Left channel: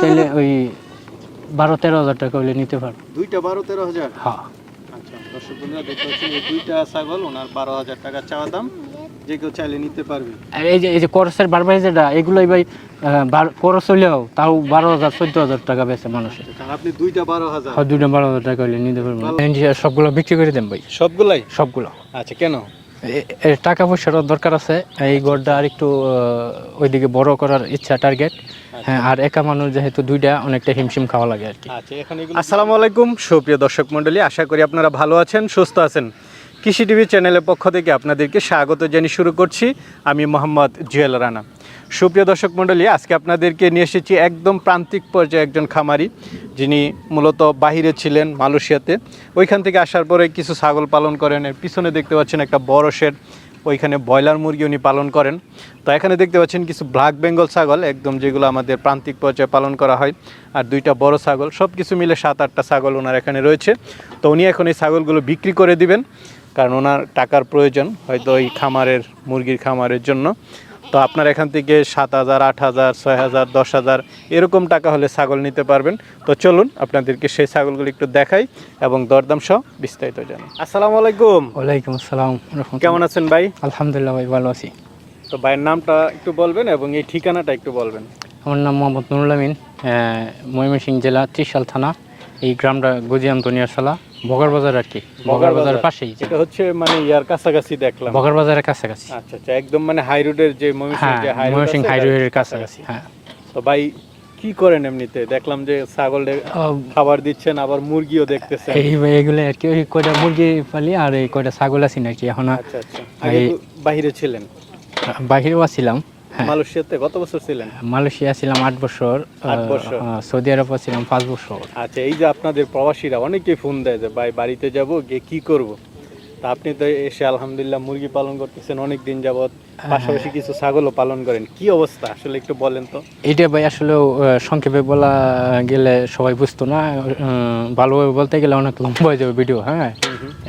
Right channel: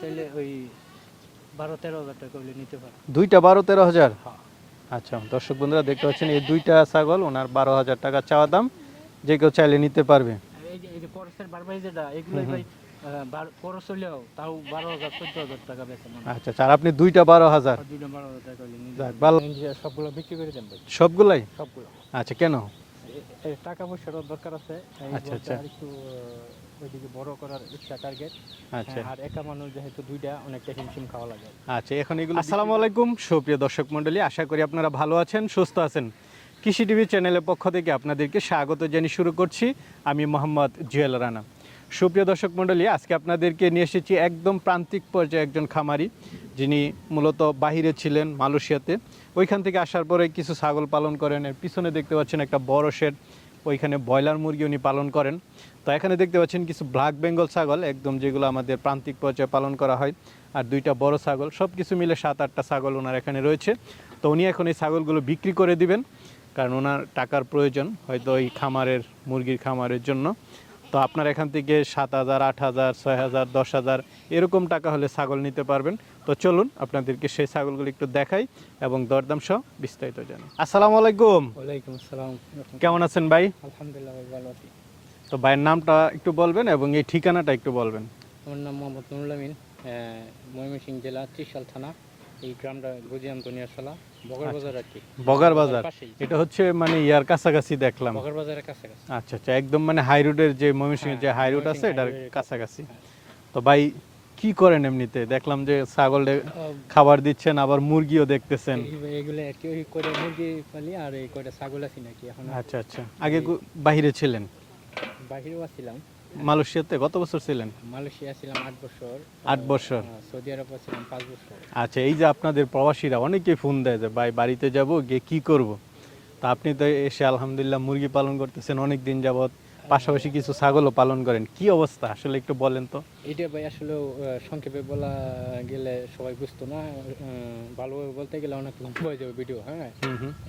তাহলে ওই 12-13 হাজার টাকা হলে নিতে পারবো। দুইটা 12-13 হাজার? হ্যাঁ। আচ্ছা, দর্শক বন্ধুরা দেখতে পাচ্ছেন এই দুইটা ছাগল ওনার 12,000 টাকা চাওয়া দাম, যে কেউ চাইলে নিতে পারবেন। আর এই যে করসের বারবার যেটা এগুলোই ভাই করস হইলেও তাও 12,000-14,000 টাকা বেচে মানুষ। আচ্ছা, আর আপনি দুইটা 12,000? দুইটা 12,000 টাকা হলে নিতে পারবো। সবগুলো বিক্রি করে দেন ভাই। সবগুলাই? সবগুলো। আচ্ছা, কেন? টাকা পয়সারও দরকার আছে, এই গড়টা আর একটু ওইদিকে বড় করার ইচ্ছা, টার্গেট। হ্যাঁ, আর একা মানুষ যেহেতু দুইটা অনেকটা হিমশিম খাওয়া লাগে আর কি। আচ্ছা, এখন আসসালামু আলাইকুম সুপ্রিয় দর্শক মণ্ডলী, আশা করি আপনারা ভালো আছেন, সুস্থ আছেন। কৃষি টিভি চ্যানেলের পক্ষ থেকে আপনাদেরকে স্বাগত জানিয়ে শুরু করছি আমি মোহাম্মদ জুয়েল রানা। সুপ্রিয় দর্শক মণ্ডলী, আজকে আপনাদেরকে নিয়ে এসেছি একদম প্রান্তিক পর্যায়ে একজন খামারি, যিনি মূলত বাহিরে ছিলেন মালয়েশিয়াতে। ওইখান থেকে আসার পরে কিছু ছাগল পালন করেন। এর পিছনে দেখতে পাচ্ছেন একটা বড় শেড, ওইখানে ব্রয়লার মুরগি উনি পালন করেন। তো এখানে দেখতে পাচ্ছেন কিছু ব্ল্যাক বেঙ্গল ছাগল, একদম যেগুলো আমাদের প্রান্তিক পর্যায়ে পালন করা হয়, আর দুইটা বড় ছাগল, সব কিছু মিলে 7-8টা ছাগল ওনার এখানে রয়েছে। তো উনি এখন এই ছাগলগুলো বিক্রি করে দিবেন, কারণ ওনার টাকার প্রয়োজন হয়তো এই খামারের, মুরগির খামারের জন্য। তো আপনার এখান থেকে 7,000, 8,000, 6,000, 10,000 এরকম টাকা হলে ছাগল নিতে পারবেন। তো চলুন আপনাদেরকে সেই ছাগলগুলো একটু দেখাই এবং দরদাম সহ বিস্তারিত জানাই। আসসালামু আলাইকুম। ওয়ালাইকুম আসসালাম। কেমন আছেন ভাই? আলহামদুলিল্লাহ ভাই, ভালো আছি। তো ভাইয়ের নামটা একটু বলবেন এবং এই ঠিকানাটা একটু বলবেন। আমার নাম মোহাম্মদ নুরুল আমিন, ময়মনসিংহ জেলা ত্রিশাল থানা। এই গ্রামটা গজিয়াম দুনিয়াশালা, বগার বাজার আর কি। বগার বাজারের পাশেই। এটা হচ্ছে মানে ইয়ার কাছাকাছি দেখলাম, বগার বাজারের কাছাকাছি। আচ্ছা আচ্ছা, একদম মানে হাই রোডের যে ময়মনসিংহ হাই রোডের কাছাকাছি। হ্যাঁ। তো ভাই কি করেন এমনিতে? দেখলাম যে ছাগলের খাবার দিচ্ছেন, আবার মুরগিও দেখতেছেন। এইগুলো আর কি, ওই কয়টা মুরগি পালি আর এই কয়টা ছাগল আছি নাকি এখন। আচ্ছা আচ্ছা, আগে বাইরে ছিলেন? বাহিরেও আছিলাম। মালয়েশিয়াতে কত বছর ছিলেন? মালয়েশিয়া ছিলাম 8 বছর। 8 বছর? সৌদি আরব ছিলাম 5 বছর। আচ্ছা, এই যে আপনাদের প্রবাসীরা অনেকেই ফোন দেয় যে ভাই বাড়িতে যাব, গিয়ে কি করব, তো আপনি তো এসে আলহামদুলিল্লাহ মুরগি পালন করতেছেন অনেক দিন যাবত, পাশাপাশি কিছু ছাগলও পালন করেন, কি অবস্থা আসলে একটু বলেন তো। এটা ভাই আসলে সংক্ষেপে বলা গেলে সবাই বুঝতো না, ভালোভাবে বলতে গেলে অনেক লম্বা হয়ে যাবে ভিডিও। হ্যাঁ,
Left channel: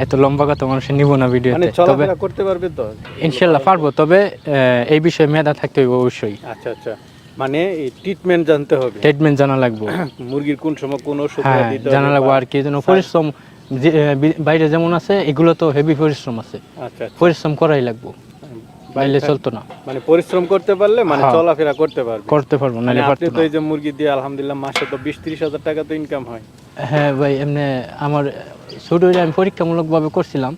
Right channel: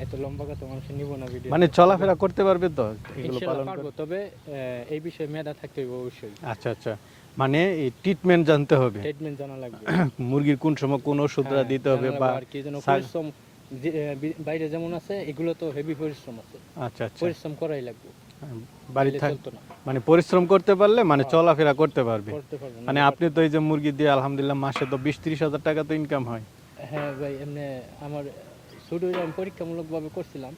এত লম্বা কথা মানুষ নিব না ভিডিও। মানে চলাফেরা করতে পারবে তো? ইনশাআল্লাহ পারবো, তবে এই বিষয়ে মেধা থাকতে হবে অবশ্যই। আচ্ছা আচ্ছা, মানে এই ট্রিটমেন্ট জানতে হবে, ট্রিটমেন্ট জানা লাগবে, মুরগির কোন সময় কোন ওষুধ দিতে হবে জানা লাগবে। আর কি যেন পরিশ্রম, বাইরে যেমন আছে এগুলো তো হেভি পরিশ্রম আছে। আচ্ছা, পরিশ্রম করাই লাগবে, বাইরে চলতো না। মানে পরিশ্রম করতে পারলে মানে চলাফেরা করতে পারবো না। আপনি তো এই যে মুরগি দিয়ে আলহামদুলিল্লাহ মাসে তো 20-30 হাজার টাকা তো ইনকাম হয়। হ্যাঁ ভাই, এমনি আমার ছোট আমি পরীক্ষামূলক ভাবে করছিলাম,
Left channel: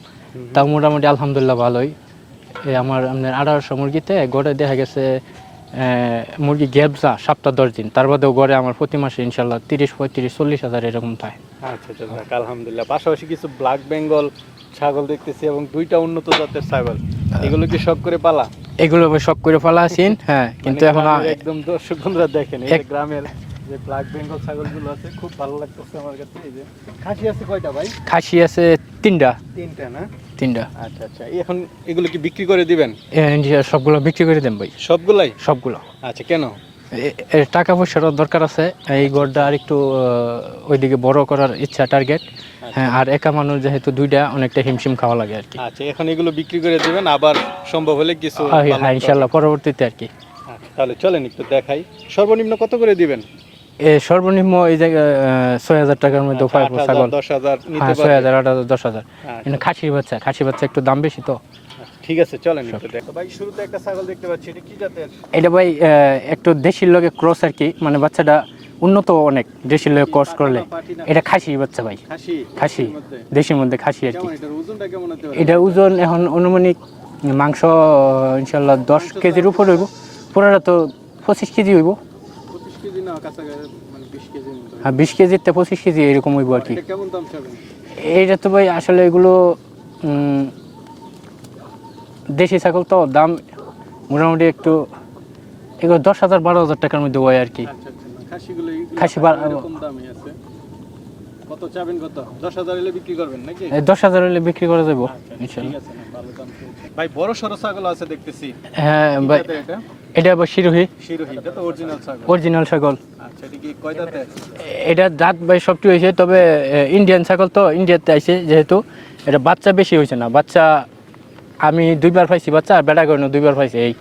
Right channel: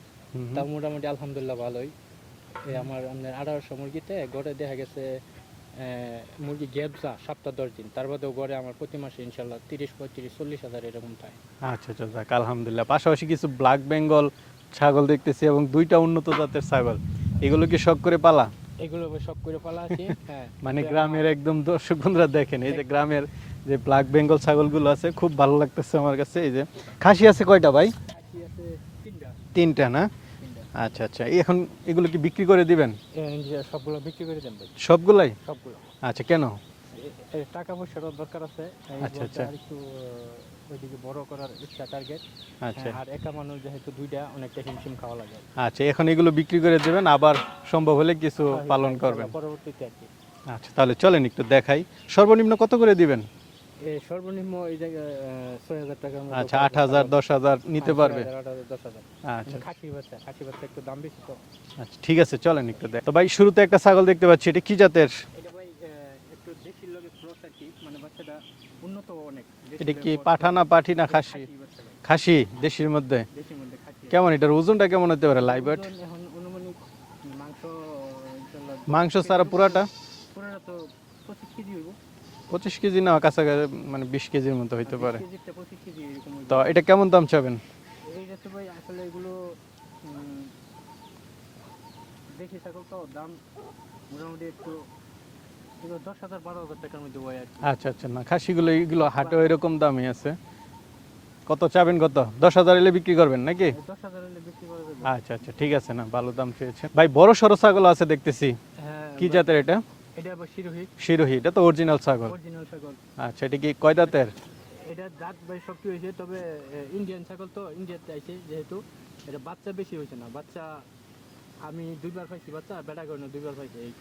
তাও মোটামুটি আলহামদুলিল্লাহ ভালোই। আমার আপনার 1800 মুরগিতে গড়ে দেখা গেছে মুরগি গ্যাপজা সপ্তাহ 10 দিন, তার বাদেও গড়ে আমার প্রতি মাসে ইনশাল্লাহ 30-35-40 হাজার এরকম থাকে। আচ্ছা আচ্ছা, আলহামদুলিল্লাহ। পাশাপাশি কিছু ব্ল্যাক বেঙ্গল ছাগল দেখতেছি এবং দুইটা উন্নত জাতের ছাগল, এগুলো কি সব করে পালা? এগুলো সব করে পালা আছেন। হ্যাঁ, কিন্তু এখন একদম দর্শক বন্ধুরা দেখেন এই গ্রামের যে ব্ল্যাক বেঙ্গল ছাগলগুলো আছে, খুব ভালো লাগতেছে আমার কাছে। এই যে খাসি আছে কয়টা ভাই? খাসি আছে 3টা। 3টা না? 3টা। আচ্ছা আচ্ছা, এখন এগুলো কি বিক্রি করে দিবেন? সবগুলো বিক্রি করে দেন ভাই। সবগুলাই? সবগুলো। আচ্ছা, কেন? টাকা পয়সারও দরকার আছে, এই গড়টা আর একটু ওইদিকে বড় করার ইচ্ছা, টার্গেট। হ্যাঁ, আর একা মানুষ যেহেতু দুইটা অনেকটা হিমশিম খাওয়া লাগে আর কি। আচ্ছা, এখন এগুলো বিক্রি করে দিবেন, আবার সম্ভব হলে কিছু? হ্যাঁ ইনশাআল্লাহ পরবর্তীতে আর কি। আচ্ছা, তাহলে চলেন একটু দেখাই। সর্বনিম্ন কত করে দিবেন? সর্বনিম্ন এই জায়গায় 6,000 টাকার মধ্যে 10,000 নিতে পারবেন? 6,000, 8,000, 10,000। কিন্তু খাসি বাচ্চা একটু দাম বেশি তো। ঠিক আছে, চলেন একটু দেখ। তো ভাই শুরুতে একটা ছাগল দেখতে পাচ্ছি, এটা কি জাতের? এটা ভাই একটু দেশির লগে ক্রস আর কি, মানে বাচ্চাটা উন্নত অনেক, দেশির লগে ক্রস করলে। এটা খাসি বাচ্চা ভাই। খাসির মধ্যে, দেশির মধ্যে খাসি। কেমন এটার ওজনটা কেমন হতে পারে? এটা ওজন এখন অনুমানিক মাংস ইনশাআল্লাহ 10 কেজির উপরে হইব। পুরোটা তো 25 কেজি হইব। 25 কেজি না, কাছাকাছি মানে 20 কেজির মতো হইতে পারে। 20 কেজির থেকে 25 কেজি এরকম হইব আর কি। এটা কেমন দাম চাবেন? এইটা তো ভাই আসলে এগুলো দেশি ছাগল তো, দাম মোটামুটি একটু এগুলো 10,000-12,000 টাকার মধ্যে হয় আর কি। আচ্ছা আচ্ছা, না খাসিগুলো এরকম দামই আছে। কত চাবেন? কত? 10,000 এলে বিক্রি করবেন নাকি? 10,000 হলে বিক্রি করা যাবে। আচ্ছা ঠিক আছে, না ভালো দাম পেয়েছেন ভাই। বড় সরো ছাগল আছে দেখতেছি। হ্যাঁ ভাই, এটা আবার শিরোহী। এটা তো অরিজিনাল ছাগল। আচ্ছা, এটা কি কয় দাঁতের? এটা দাঁত ভাই সবটি হয়েছে, তবে ইন্ডিয়ান ছাগল তো, ইন্ডিয়াতে আইছে যেহেতু, এটা বাচ্চা বেশি হয়েছে না। বাচ্চা আমি 2বার পাইছি বাচ্চা, আর বেড়া করে 2বার পাইছি এই।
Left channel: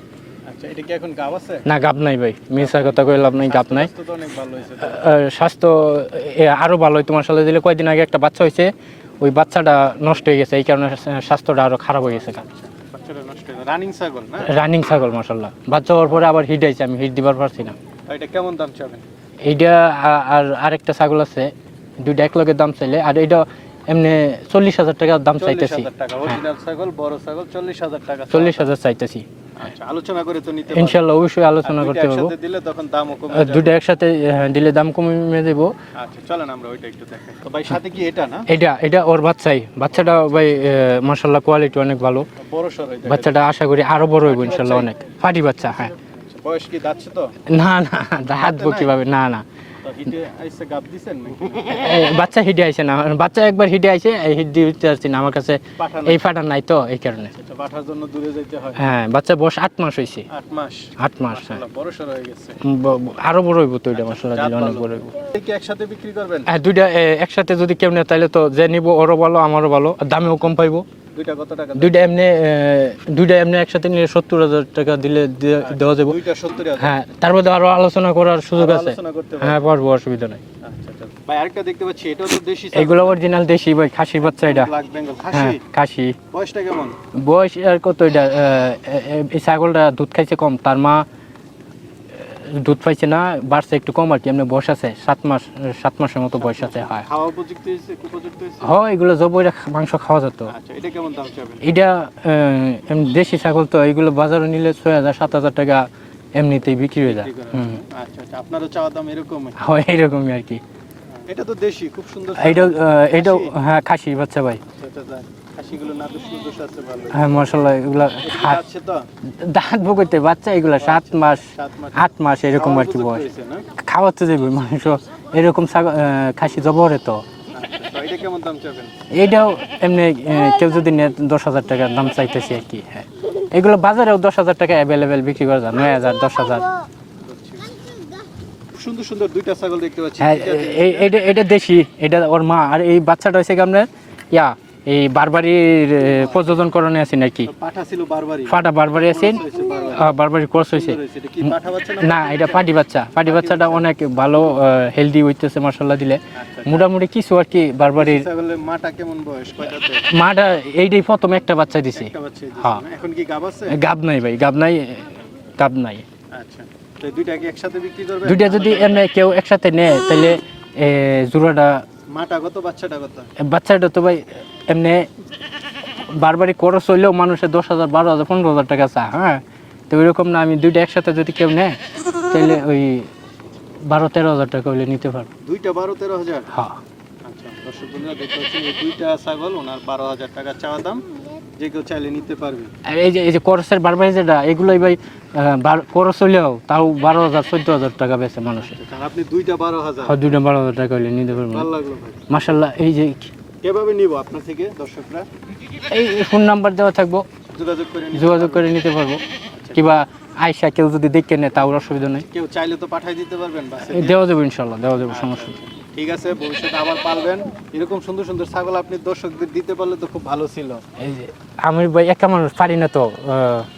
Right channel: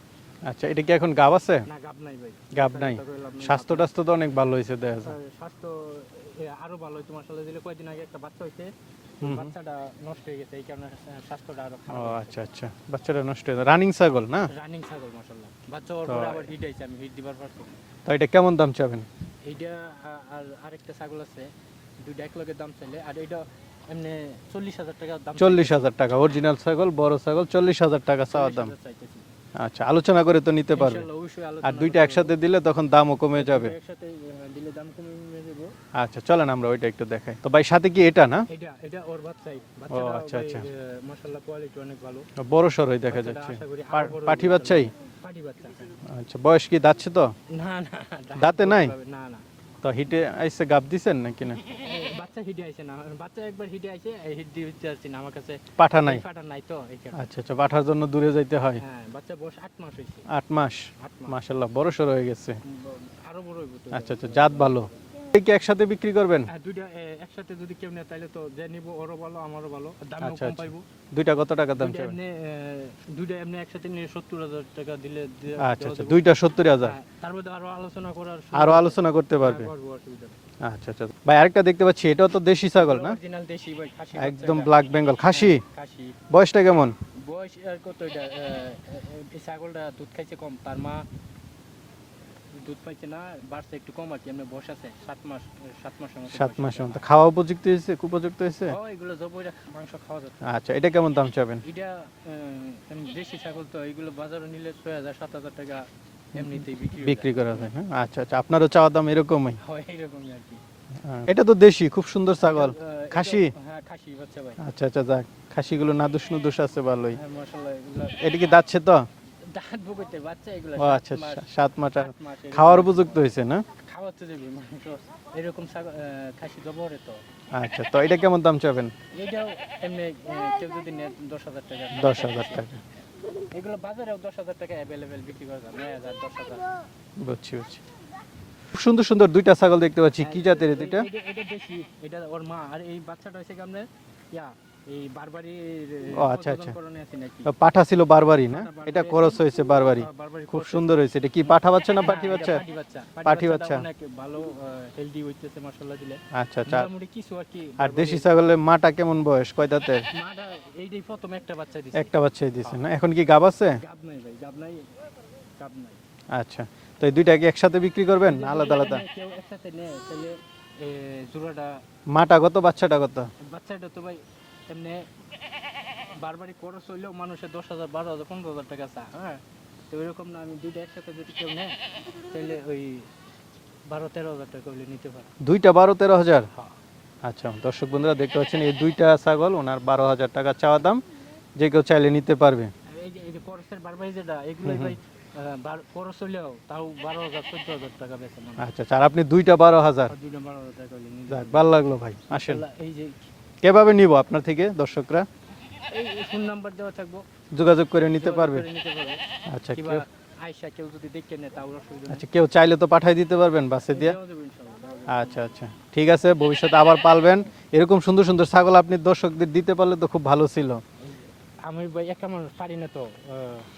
আচ্ছা, এটা কি এখন গাব আছে? না, গাব নাই ভাই, মিশা কথা কইলাম নাই, গাব নাই। স্বাস্থ্য তো অনেক ভালো হয়েছে তাই। স্বাস্থ্য আরো ভালো হয়। তোমার সাথে দিলে কয়েকদিন আগে একটা বাচ্চা হয়েছে, ওই বাচ্চাটা নষ্ট হয়ে গেছে, এই কারণে স্বাস্থ্যটা আরো খারাপ হয়ে গেছে। আচ্ছা, বাচ্চাটা নষ্ট হয়ে যায়। রানিং ছাগল না? রানিং ছাগল মাশাআল্লাহ। বাচ্চা হওয়ার পরে আবার হিট আইছে, আমি হিট দিবার পারছি না। তো এটা কেমন দাম চাবেন? এইটা আর আরেকটা ছাগল আছে, দুইটা এক লগে দাম চাইলে, আর এইটা এমনি 40,000 টাকা দাম চাইতেছি। 40,000 টাকা অরিজিনাল ছাগল, বড় ছাগল 40,000 টাকা। 40,000 চাইতেছি। আচ্ছা, আলোচনা করে তো নিতে পারবেন ইনশাআল্লাহ, অবশ্যই আলোচনা করতে পারবো। একসাথে দিলে তখন দামও কমে যাবে। দুইটা একসাথে দিলে দাম কমে দেব। আচ্ছা, চলেন আমরা ওইটা একটু দেখাই। তো ভাই সাথে কি এটা না? এটা ওর বাচ্চাই। বাচ্চাটা ভাই মাশাআল্লাহ কোয়ালিটি অনেক ভালো। বড় সর হয়ে যায়। বাচ্চাটা আশা করি আরো বড় হবে পাটি ইনশাআল্লাহ, বাচ্চাই? অনেক ফাটি বাচ্চা। হ্যাঁ। আচ্ছা, বয়স কি যাচ্ছে তো? না না, হাত হাতে নাই? কিভাবে? না না, তো হিটে আইসে গাব দিছেন নাকি না? বাচ্চা হিটে আইছে না, বাচ্চা একবার হিটে আইছে, এই হিট দিতে পারছি না, আমার কাছে পাঠা নাই? এই ফাটা নাই তো, এই কারণে। আচ্ছা, পাঠার জন্য দূরে যাইতে হয়। হ্যাঁ, বাচ্চা বয়স 8 মাস হইছে। 8 মাস? 8 মাস। মাশাআল্লাহ, বড় সর হয়ে গেছে। আরো বড় হইব তো এটা, আচ্ছা, মাশাআল্লাহ, জাত দিলে অনেক ভালো। বড় হইব। এই কি একসাথে বিক্রি করবেন? হ্যাঁ, দুইটা একসাথে যদি কেউ নেয় তাহলে তো যে নিব ওরও ভালো, আমারও ভালো, আর দামেও কম পাইবো। দুইটা কত টাকা দাম? দুইটা এমনি একসাথে নিলে 70,000 টাকা দিলে দেওয়া যাবে। দুইটা 70,000? হ্যাঁ, তার মধ্যে আরো আলোচনা করার সুযোগ আরো আছে। আলোচনা করতে হ্যাঁ, পারবেন। পারবো, অসুবিধা নাই। আচ্ছা আচ্ছা ভাই, আরেকটা দেখতে পাচ্ছি, এটাও তো দেশি ছাগল। এগুলো অরিজিনাল দেশি ভাই, খাসি বাচ্চা এটা। ব্ল্যাক বেঙ্গল খাসি? হ্যাঁ, খাসি। বয়সটা কেমন? বয়স আর কত এটা? এই ছাগলটা দুধ খাইছে কম, তার মা দুধ পাইছে না, বাড়ছে একটু কম আর কি। এমনি বয়স আছে 7 মাসের মতো বয়স আছে। হ্যাঁ, খাওয়া উপযুক্ত হয়েছে, কুপযুক্ত হয়েছে? হয়, এগুলো জবইরা মাংস খাওয়া যেত। আচ্ছা, এটা কেমন দাম চাবেন? এটা এমনি দেশি ছাগল তো, এগুলো বাজারে নিলে 6,000-7,000 টাকা এমনিতেই বিক্রি হয়ে যায়। বিক্রি করা হয়, হ্যাঁ? আচ্ছা আচ্ছা, আপনারও চাওয়া দাম এরকমই? হয় এরকমই আর কি। এটা তো দেশি, খুব সুন্দর ছাগল। এটা খাসি? হ্যাঁ, খাসি বাচ্চা ভাই। আচ্ছা আচ্ছা, যাক, খাসিগুলো নাদুস নুদুস আছে ভালোই। হ্যাঁ মাশাআল্লাহ, এগুলা এটা কি যাচ্ছে তো? দাঁত ভুগতে বাচ্চা, এগুলা 7 মাস 7 মাস 8 মাস এরকম খাওয়ার আর কি উপযুক্ত বয়স। হয়েছে না? খাওয়াতে যাবে মাংস, এরকম খাসি জবরে তো। আচ্ছা, তো এটা কেমন দাম চাবেন? এইটাও এমনি কেউ যদি নেয় 10,000 টাকা দাম চাইতেছি আর কি। হ্যাঁ, এগুলো বাজারেও 10,000 টাকা অ্যাভেলেবেল বিক্রি করা যায়, 9,000 10,000। বুঝছি বুঝছি। খুব সুন্দর সুন্দর দুইটা ছাগল দেখতে পাচ্ছি। হ্যাঁ, কি জাতের এটা? এটা দেশি, এটা ওর মা। আর এই বাচ্চাটা হয়েছে কি আপনার এই বারবারির প্রযোজন করণে আছে নাকি। পাঠা ছিল বারবারি? পাঠা বারবারি আছে, হয়েছে বারবারি। বারবারি ক্রস হয়েছে। সুন্দর হয়েছে। এটা কি পাঠা বাচ্চা না? না, এটা পাটি বাচ্চা। পাটি বাচ্চাটা বাচ্চা। অনেক ভালো, হেলদি হইতেছে মাশাআল্লাহ দিলে। আচ্ছা, মোটামুটি কিছু আর কি। বারবারি দেশি ছাগলের মাটা কেমন বয়স, কয়টাতে? মাটা এইটাই প্রথম একটা বাচ্চা দিছে। একটা বাচ্চাই দিছে হ্যাঁ। না? এখন কি গাব আছে? গাব নাই ভাই, গাব নাই, গাব নাই। আচ্ছা, তো এই দুইটা কি একসাথে বিক্রি করবেন? দুইটা যদি আলাদা আলাদা? এমনি কেউ একসাথে নেয় তাহলে জোড়াটা, মাটা কত, বাচ্চাটা কত? বাচ্চাটা তো ভাই এমনি বারবারই খরচ হইলেও মানুষের 10,000 12,000 15,000 টাকা চা। হ্যাঁ, তো ওইরকম না, আমি দুইটা একসাথে যদি কেউ নেয় তাহলে ওই 12-13,000 টাকা হইলে নিতে পারবো। দুইটা 12-13,000? হ্যাঁ। আচ্ছা, দর্শক বন্ধুরা দেখতে পাচ্ছেন, এই দুইটা ছাগল ওনার 12,000 টাকা চাওয়া দাম, যে কেউ চাইলে নিতে পারবেন। আর এই যে করসের বারবারি যেটা, এগুলোই ভাই খরচ হইলেও তাও 12,000-14,000 টাকা বেচে মানুষ। আচ্ছা, আর আপনি দুইটা 12,000? দুইটা 12,000 টাকা হইলে নিতে পারবো। ভালো লাগলো ভাই, মাশাআল্লাহ। এই যে কিভাবে নিব আপনার থেকে দর্শকরা? এই ফোন নাম্বার দেওয়া থাকবো, যোগাযোগ করে নিতে যোগাযোগ পারবে? করে নিতে পারবো। আচ্ছা, কিংবা আয়সা কেউ যদি দেখে নেয় তাও অসুবিধা নেই, কেউ চাইলে তো পাঠাই দিতে পারবেন বাসে দিয়ে? দেওয়া যাবে ইনশাল্লাহ, দেওয়া যাবে, আচ্ছা, সমস্যা নেই। আচ্ছা। ঠিক আছে, ভবিষ্যতে আবার পালবেন। এরকম সুন্দর সুন্দর ছাগল আপনি দর্শকদের দিতে পারলে তো খুব ভালো ছিল। এই যে আমি ভাই একা মানুষ পারি না তো